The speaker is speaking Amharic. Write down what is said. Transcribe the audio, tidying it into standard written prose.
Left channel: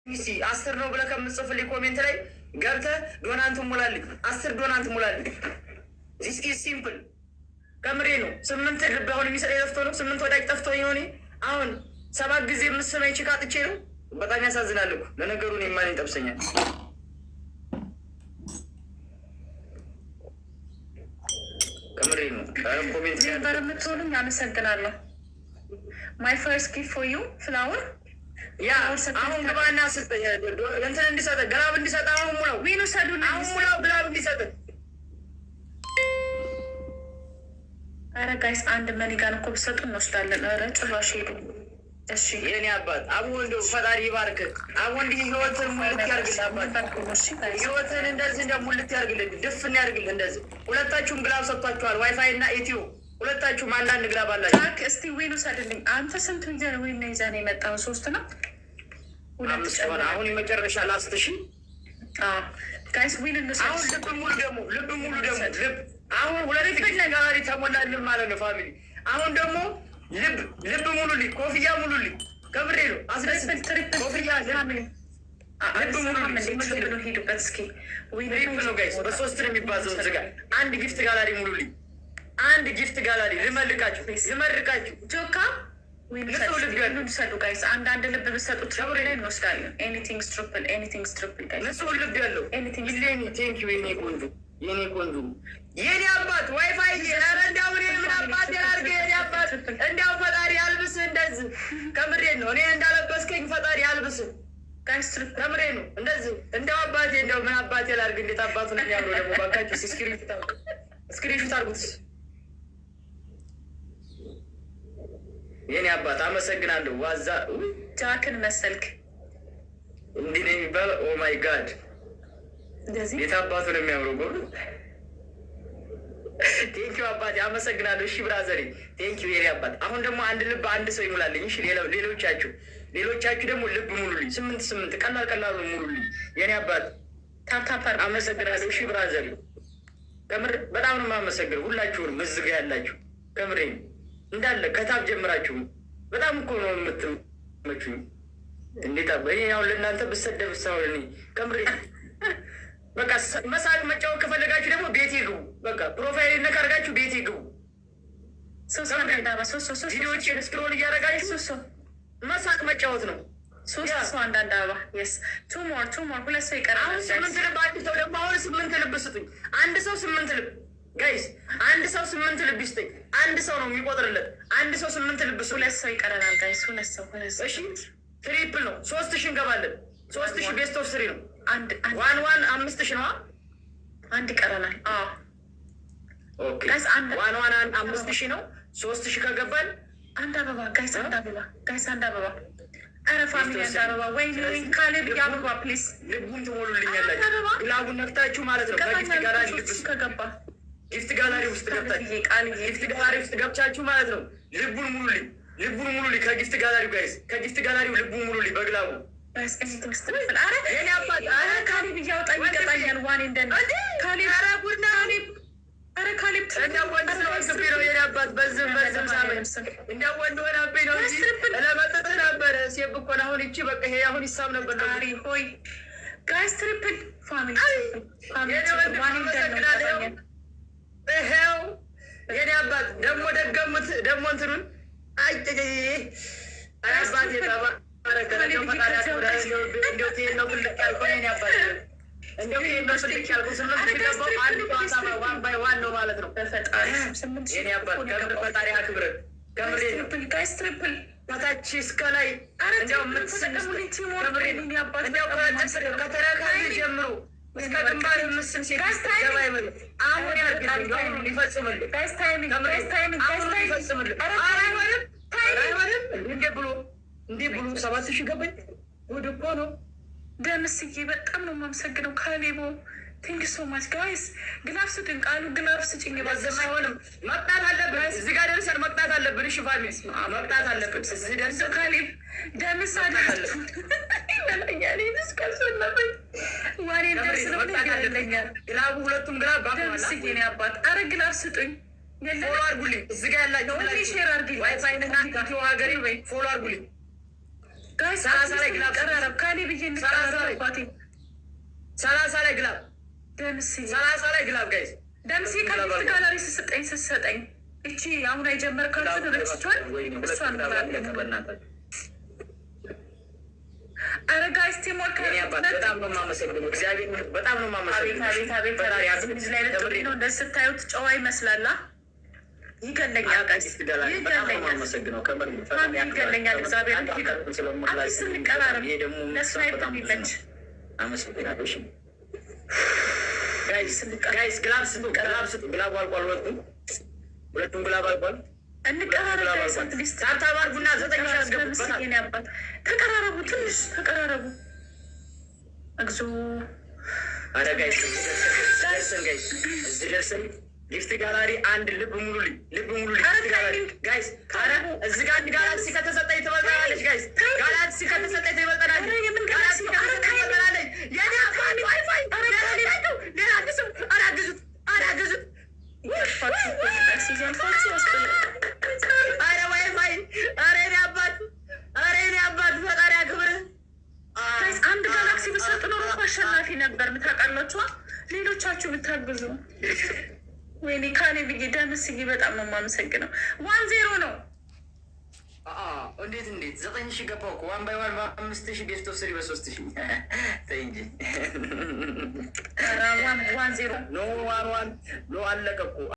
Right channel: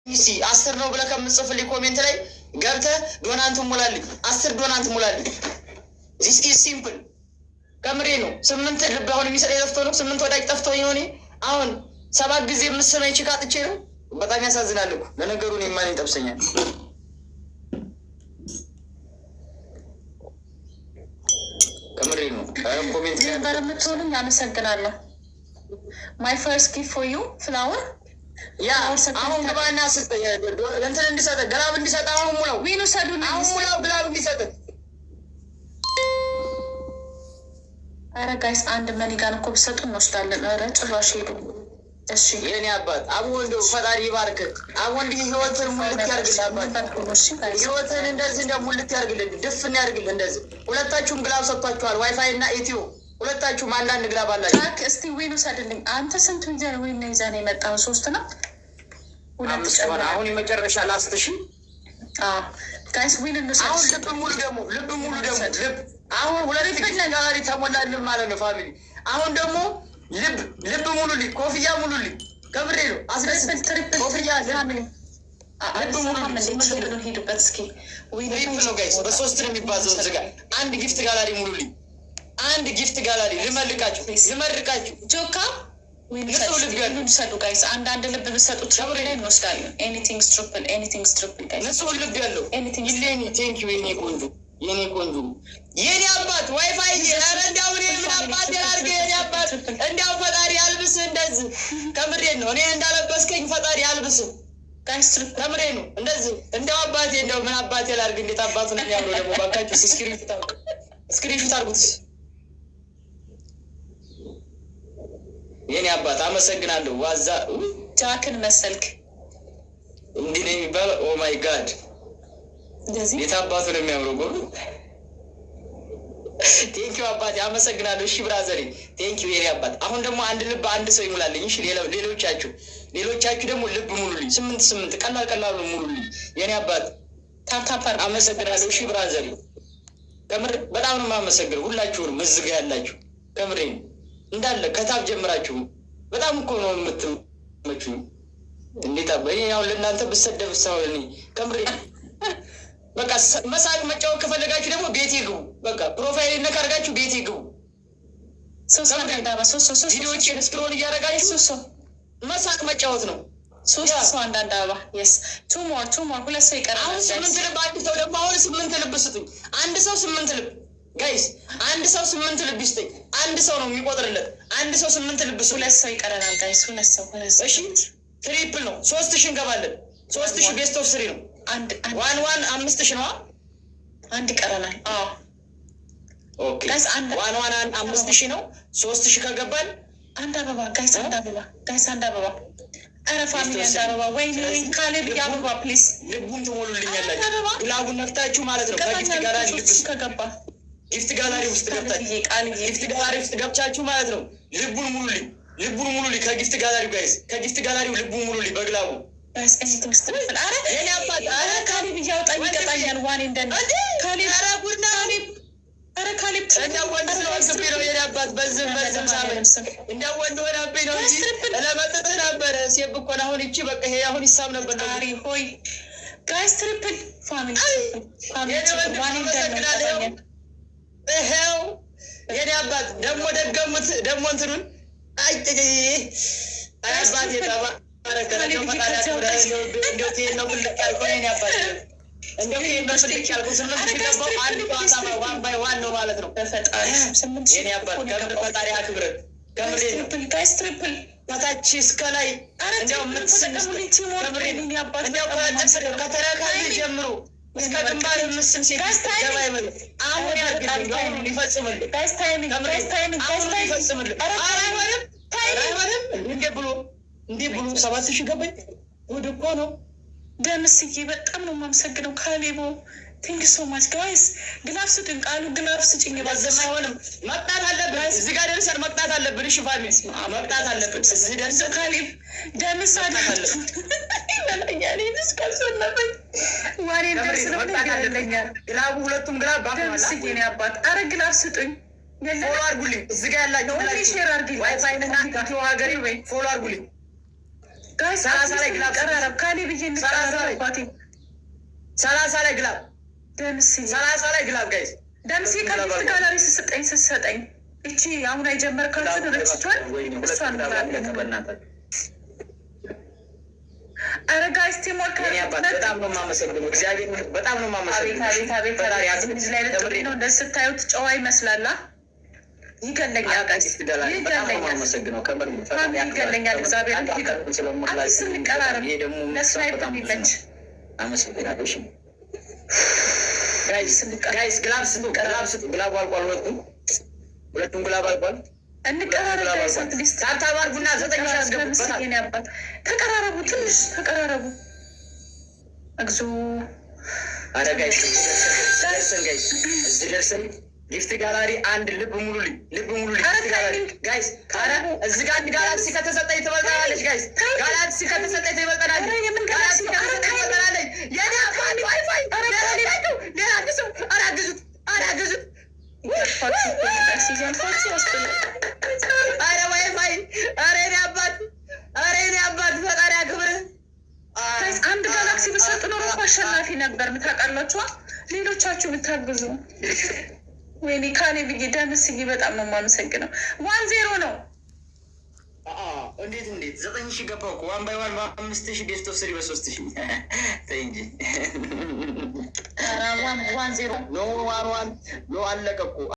10 ነው ብለህ ከምጽፍልኝ ኮሜንት ላይ ገብተህ ዶናንት ሙላልኝ፣ 10 ዶናንት ሙላልኝ። ዚስ ኢዝ ሲምፕል። ከምሬ ነው። 8 ልብ አሁን የሚሰጠኝ ጠፍቶ ነው። 8 ወዳጅ ጠፍቶ ነው። አሁን 7 ጊዜ የምስመኝ ችካ ጥቼ ነው። በጣም ያሳዝናል እኮ ለነገሩ። እኔ ማን ይጠብሰኛል? ከምሬ ነው። ኮሜንት ነበር የምትሆኑኝ። አመሰግናለሁ። ማይ ፈርስት ጊፍት ፎር ዩ ፍላወር። ያ አሁን ግባና እንትን እንዲሰጥ ግላብ እንዲሰጥ አሁን ሙላው። ዊኑ ሰዱን አሁን ሙላው ግላብ እንዲሰጥ። ኧረ ጋይስ አንድ መኒጋን እኮ ብሰጡ እንወስዳለን። ኧረ ጭራሽ ሄዱ። እሺ የኔ አባት አቡ እንደው ፈጣሪ ይባርክ። አቡ እንዲህ ህይወትን ሙልት ያርግልህ። አባት ህይወትን እንደዚህ እንደ ሙልት ያርግልህ፣ ድፍን ያርግልህ። እንደዚህ ሁለታችሁም ግላብ ሰጥቷችኋል፣ ዋይፋይ እና ኢትዮ ሁለታችሁም አንዳንድ ግላብ አላችሁ። ታክ እስቲ ዊኑ ሰድልኝ። አንተ ስንቱ ይዘህ ዊን ይዘህ ነው የመጣው? 3 ነው 2 አሁን የመጨረሻ ላስት። እሺ ጋይስ ዊን እንውሰድ። አሁን ልብ ሙሉ ደግሞ ልብ አሁን ሁለት ጋሪ ተሞላልን ማለት ነው ፋሚሊ። አሁን ደግሞ ልብ ሙሉልኝ፣ ኮፍያ ሙሉልኝ። ከምሬ ነው። አስደስት ኮፍያ ልብ ሙሉልኝ። ሄዱበት እስኪ ነው ጋይስ። በ3 ነው የሚባዘው። እዚህ ጋር አንድ ጊፍት ጋላሪ ሙሉልኝ፣ አንድ ጊፍት ጋላሪ ልመርቃችሁ። ጆካ ሰዱ ጋይስ። አንዳንድ ልብ ብሰጡ ትራብሬ ላይ እንወስዳለን። ኤኒቲንግ ስትሪፕል ጋይስ። ንጹህ ልብ ያለው ይሌኒ ቴንኪዩ የኔ ቆንጆ የኔ አባት ዋይፋይ። ኧረ እንዲያው እኔ ምን አባት ያርገ የኔ አባት። እንዲያው ፈጣሪ አልብስህ እንደዚህ። ከምሬ ነው። እኔ እንዳለበስከኝ ፈጣሪ አልብስህ ጋይስ። ከምሬ ነው። እንደዚህ እንዲያው አባቴ እንዲያው ምን አባቴ ላርግ። እንዴት አባቱ ነው የሚያምረው ደግሞ። ባካችሁ ስክሪንሹት አርጉት የኔ አባት። አመሰግናለሁ። ዋዛ ጃክን መሰልክ። እንዲህ ነው የሚባለው። ኦ ማይ ጋድ ቤት አባቱ ነው የሚያምረው። ጎ ቴንኪው አባቴ አመሰግናለሁ። እሺ ብራዘሪ ቴንኪው የኔ አባት። አሁን ደግሞ አንድ ልብ አንድ ሰው ይሙላልኝ። እሺ ሌሎቻችሁ ደግሞ ልብ ሙሉልኝ። 8 ቀላል ሙሉልኝ የኔ አባት። ታፕታፕ አመሰግናለሁ። እሺ ብራዘሪ ከምር በጣም ነው የማመሰግነው ሁላችሁንም እዚህ ጋ ያላችሁ። ከምሬ እንዳለ ከታብ ጀምራችሁ በጣም እኮ ነው የምትመቹኝ። እንዴት አባይ አሁን ለእናንተ ብሰደብ ሳይሆን ከምሬ በቃ መሳቅ መጫወት ከፈለጋችሁ ደግሞ ቤቴ ግቡ። በቃ ፕሮፋይል ነካ አድርጋችሁ ቤቴ ግቡ። ቪዲዮዎችን ስክሮል እያደረጋችሁ መሳቅ መጫወት ነው። 3 ሰው አንዳንድ አበባ የስ ቱ ሞር 2 ሰው ይቀራል። አሁን 8 ልብ አንድ ሰው ደግሞ አሁን 8 ልብ ስጡኝ። አንድ ሰው 8 ልብ ጋይስ፣ አንድ ሰው 8 ልብ ይስጠኝ። አንድ ሰው ነው የሚቆጥርለት። አንድ ሰው 8 ልብ ስጡኝ። 2 ሰው ይቀረናል ጋይስ። 2 ሰው እሺ፣ ትሪፕል ነው። 3000 እንገባለን። 3000 ቤስት ኦፍ 3 ነው። ዋን 5000 ነው። አንድ ይቀረናል። ኦኬ ጋይስ፣ ዋን 5000 ነው። 3000 ከገባን አንድ አበባ ጋይስ፣ አንድ አበባ። ኧረ ፋሚሊ አንድ አበባ። ወይኔ ካሌብ አበባ ፕሊዝ። ልቡን ትሞሉልኛላችሁ። ግላቡን ነክታችሁ ማለት ነው። ከጊፍት ጋላሪ ከገባ ጊፍት ጋላሪ ውስጥ ገብቻችሁ ማለት ነው። ልቡን ሙሉልኝ። ከጊፍት ጋላሪው ጋይስ፣ ከጊፍት ጋላሪው ልቡን ሙሉልኝ በግላቡ። ካሌብ እያወጣኝ ይቀጣኛል። ዋኔ እንደ ካሌብ ወንድ ስለሆንክብኝ ነው የኔ አባት። በዝም ሳመኝ እንዲያው ወንድ ሆነብኝ ነው እንጂ ለመጠጥህ ነበረ። ሴብ እኮ አሁን ይቺ በቃ ይሄ አሁን ይሳብ ነበር ነው ሆይ ጋይስ። ትሪፕል ፋሚሊ ይሄው የኔ አባት። ደግሞ ደገሙት ደግሞ እንትኑን አባቴ ጠባ ፈጣሪ አክብር። ከታች እስከ ላይ ከተረካቢ ጀምሮ እስከ ግንባር ምስል ሴት ገባ ይበል። አሁን ሊፈጽምልህ እንዲህ ብሎ 7000 ገባኝ። ወደ እኮ ነው ደምስዬ። በጣም ነው የማመሰግነው ካሌቦ። ቴንክ ሶ ማች ጋይስ። ግላፍ ስጭኝ ቃሉ፣ ግላፍ ስጭኝ። ባዘማ አይሆንም። መቅጣት አለብን። እዚህ ጋር ደርሰን መቅጣት አለብን። እሺ ፋሚሊ መቅጣት አለብን። እዚህ ደርሰን ካሌብ ደምስ አለብን። ግላቡ ሁለቱም ግላብ ደምስዬ ነው አባት። አረ ግላፍ ስጡኝ። ፎሎ አርጉልኝ። እዚህ ጋር ያላችሁ ሼር አርጉልኝ። ዋይፋይንና ኢትዮ ሀገሬ ፎሎ አርጉልኝ። 30 ላይ ግላብ ቀራረብ ካሌ ብዬ እንቀራረባቴ 30 ላይ ግላብ ደምሴ 30 ላይ ግላብ ጋይስ ደምሴ ከፊት ጋላሪ ስትሰጠኝ እቺ አሁን የጀመርካትን ረስቷል። እሷን ኧረ ጋይስ ቲሞር በጣም ነው የማመሰግነው። እግዚአብሔር በጣም ነው የማመሰግነው። አቤት ነው እንደዚህ ስታዩት ጨዋ ይመስላላ። ይገለኛል ይገለኛል። እግዚአብሔር ስንቀራረብ ለስናይፕ የሚመች ጋይስ ግላብ ስጡ፣ ግላብ ስጡ። ግላቡ አልቋል። ሁለቱም ግላብ አልቋል። እንቀራረብ ታባርጉና 9 ያስገቡበት። ተቀራረቡ፣ ትንሽ ተቀራረቡ። እግዚ አረ ጋይስ እዚህ ደርሰን ጊፍት ጋላሪ አንድ ልብ ሙሉልኝ፣ ልብ ሙሉልኝ ጋይስ። አረ እዚህ ጋር አንድ ጋላክሲ ከተሰጠኝ ትበልጠናለች ጋይስ። ጋላክሲ ከተሰጠኝ ትበልጠናለች። ጋላክሲ ትበልጠናለች። የኔ አባቱ ዋይፋይ ሌላ ግዙ። አረ አግዙት፣ አረ አግዙት። አረ ዋይፋይ፣ አረ የኔ አባት፣ አረ የኔ አባት ፈጣሪ አክብርህ። አንድ ጋላክሲ ብሰጥ ኖሮ አሸናፊ ነበር። ምታውቃላችኋ ሌሎቻችሁ ብታግዙ። ወይኔ ካሌ ብዬ ደምስዬ በጣም ነው የማመሰግነው። 1-0 ነው። እንዴት 9,000 ገባሁ እኮ 1 by 1 በ5,000 ቤስት ኦፍ 3 በ3,000 ተይ እንጂ 1-0 ኖ 1-1 ኖ አለቀ እኮ